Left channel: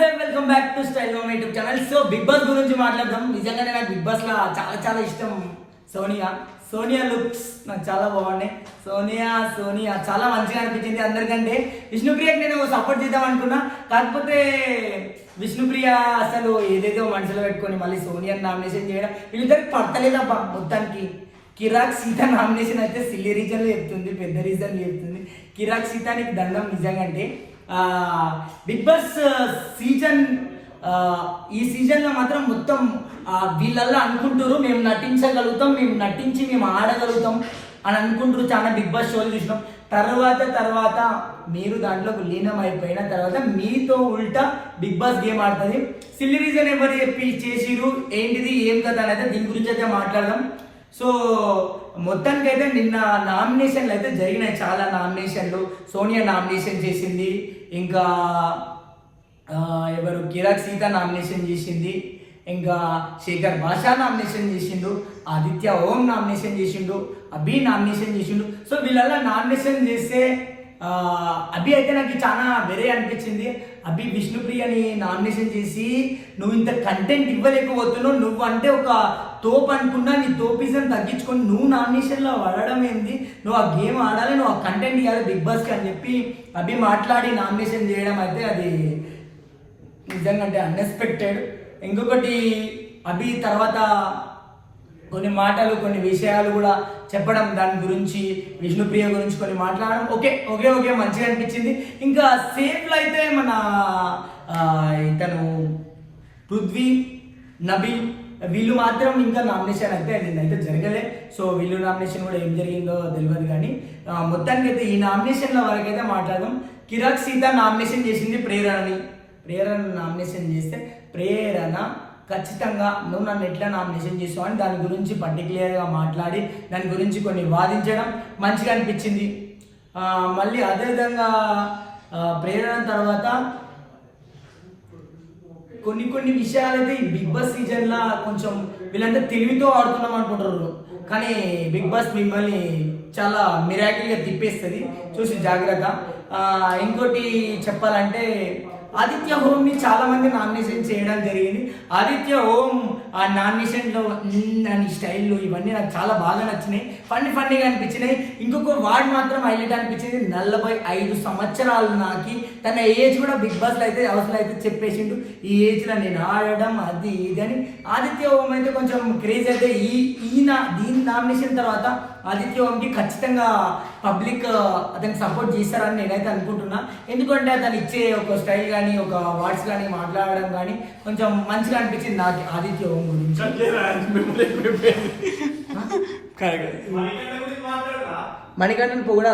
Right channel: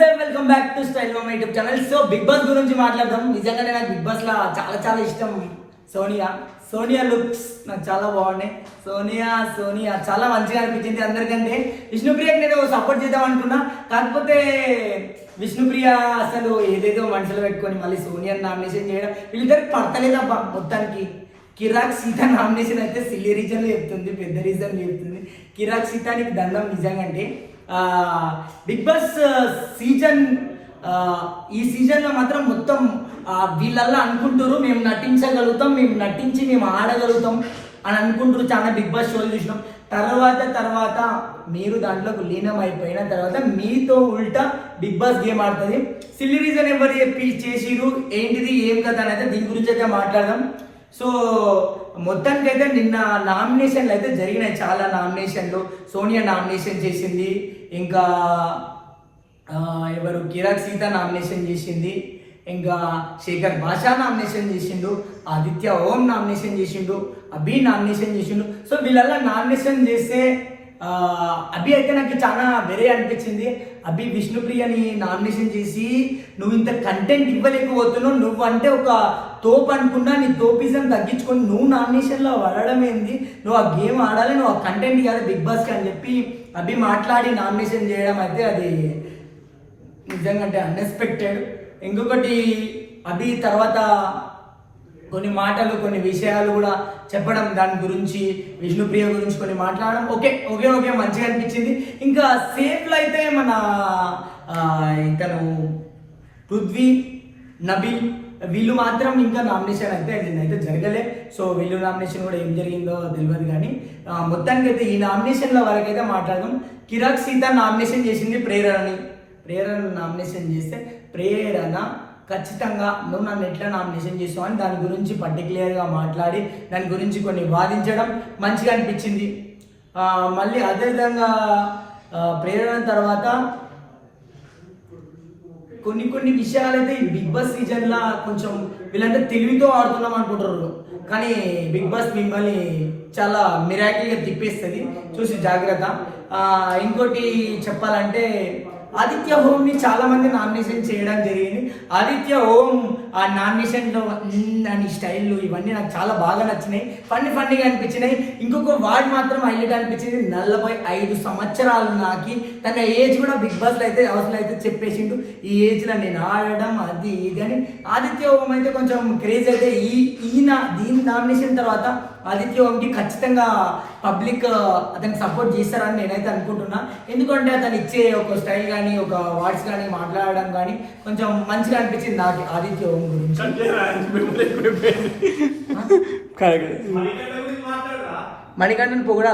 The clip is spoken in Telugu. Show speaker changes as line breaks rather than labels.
నమస్తే welcome back to style my YouTube channel so Bigg Boss గురించి మాట్లాడదాం. నిజంగానే నాకు బిగ్ బాస్ లా చాలా చాలా ఇష్టం. సోనియా సోనియా లుక్స్ నాకు చాలా బాగున్నాయి. సోనియా సోనియా చాలా మంచిగా అనిపించింది అందరికంటే. విష్ణుప్రియకి నేను సపోర్ట్ చేద్దాం అనుకున్నా. కాకపోతే విష్ణుప్రియ అసలు ఏదేదో మనసులో పెట్టుకొని మళ్ళీ సోనియా నామినేషన్ చేయడం వీళ్ళిద్దరికి పడతలేదబ్బా మొత్తానికి. కిరాక్ సీత నామినేషన్ అయితే సిల్లీ రీజన్లో చెప్తుంది పెద్ద రీజన్ చెప్తుంది. కిరాక్ సీత నీకు దండం నిజంగా అంటే బిగ్ బాస్ సీజన్ ఈ సీజన్లో మాత్రం మొత్తం వీళ్ళల్లో వీళ్ళల్లా అనుకుంటారు మేము నటించగలుగుతాం మేము నటించి మేము ఆడగలుగుతాం అని అనుకుంటారు చాలా బిగ్ బాస్ షోలు చూసినాం. తర్వాత తర్వాత మీరు దాంట్లోకి లీనం అయిపోయిన తర్వాత మీతో ఉల్టా బిగ్ బాస్ గేమ్ ఆడుతుంది. సిల్లీ రీజన్ ఎవరు చెప్పి చేసిరు ఏంటిది ఏం కదా అనేది దీని గురించి అయితే మాట్లాడదాం. సో మొత్తానికి అయితే నిన్న నామినేషన్లు అయితే జరిగినాయి. చాలా నామినేషన్లు. సోనియా నామినేషన్ చేసింది. ఇంకా ఎవరు? కిరాక్ సీత నామినేషన్ చేసింది. ఇంకా శేఖర్ భాషా నామినేషన్ చేసిండు. ఆదిత్య ఓం నామినేషన్ చేసిండు. అభి నామినేషన్ చేసిండు. సో వీళ్ళల్లా నామినేషన్ చేస్తే అభి అయితే నాకు చాలా వేరే అనిపించింది. అభి విష్ణుప్రియని నామినేషన్ చేసి నువ్వు ఇంత కంటెంట్ ఇవ్వలేకపోతున్నావు. నువ్వు అంటే ఒక తోపు అనుకున్నా నీ తోపిజం తగ్గించుకొని నువ్వు నామినేషన్లో పడడం ఏంది? నువ్వు ఆ గేమ్ ఆడాలి నువ్వు ఆ కంటెంట్ ఇవ్వాలి బిగ్ బాస్కి అని చెప్పి అభి మాట్లాడి నామినేషన్ చేయడం అయితే అది నిజంగా అంటే అన్ఎక్స్పెక్టెడ్ ఇంకొకటి అభి తర్వాత కొన్ని మాటలు కొన్ని విషయాలు కూడా చెప్పడం దాని గురించి విష్ణుప్రియ గురించి కొన్ని మాట్లాడడం ఓకే ఓకే ఓకే మంచిగా అనిపించింది. ఇంకా సేఫ్లో అయితే మన ఆ, ఇతను పృథ్వీ నబీల్ వీళ్ళు మాత్రం ఇంకా నామినేషన్ అయితే అయితే జరగలే. సో వీళ్ళు నామినేషన్ కూడా ఏం జరిగిందో తెలియదు కానీ మొత్తానికి అయితే ఈ నామినేషన్ల వరకైతే మాట్లాడదాం. కిరాక్ సీత నామినేషన్ చేసింది ప్రేరణని. ప్రేరణ నామినేషన్ చేస్తే ప్రేరణ ఖచ్చితంగా నువ్వు నన్ను ఎట్లా నామినేషన్ చేసావు అని దాని గురించి పర్టికులర్గా మాట్లాడి దాని గురించి కొన్ని వాదించడం మంచిగా అనిపించింది. మళ్ళీ అదేవిధంగా ప్రేరణ తర్వాత కొన్ని కొన్ని విషయాలైతే ఈ బిగ్ బాస్ సీజన్లో కొంచెం వీళ్ళంతా తెలివితో ఆడుతున్నాం అనుకుంటారు కానీ బిగ్ బాస్ మిమ్మల్ని చాలా మిరాకిల్గా తిప్పేస్తుంది. చూసి జాగ్రత్త. ఇంకోటి చెప్పాలంటే ఆదిత్య హోమ్ని చాలా మంది నామినేషన్ చేయడం జరిగింది. ఆదిత్య హోమ్ ఆ నామినేషన్లో అని స్టైల్ ఇవన్నీ నాకు చాలా బాగా నచ్చినాయి. ఫన్నీ ఫన్నీగా అనిపించినాయి. ఇంకొక వార్డ్ మాత్రం హైలైట్ అనిపించింది. నలభై ఐదు సంవత్సరాలు నాకి. తన ఏజ్ కూడా బిగ్ బాస్లో అయితే అవసరం అయితే చెప్పేసిండు. ఈ ఏజ్లో నేను ఆడడం అది ఇది అని. ఆదిత్య హోమ్ అయితే కొంచెం క్రేజ్ అయితే ఈ ఈయన దీని నామినేషన్ తర్వాత ఆదిత్య హోమ్కి ఖచ్చితంగా పబ్లిక్ అతనికి సపోర్ట్ చేస్తారని నేనైతే అనుకుంటున్నా. ఎందుకంటే అతను ఇచ్చే ఒక స్టైల్ కానీ ఒక వర్డ్స్ కానీ మాట్లాడడం కానీ కొంచెం మంచిగా అనిపించింది ఆది ఆదిత్య ఓం గురించి. మణికంఠన్ కూడా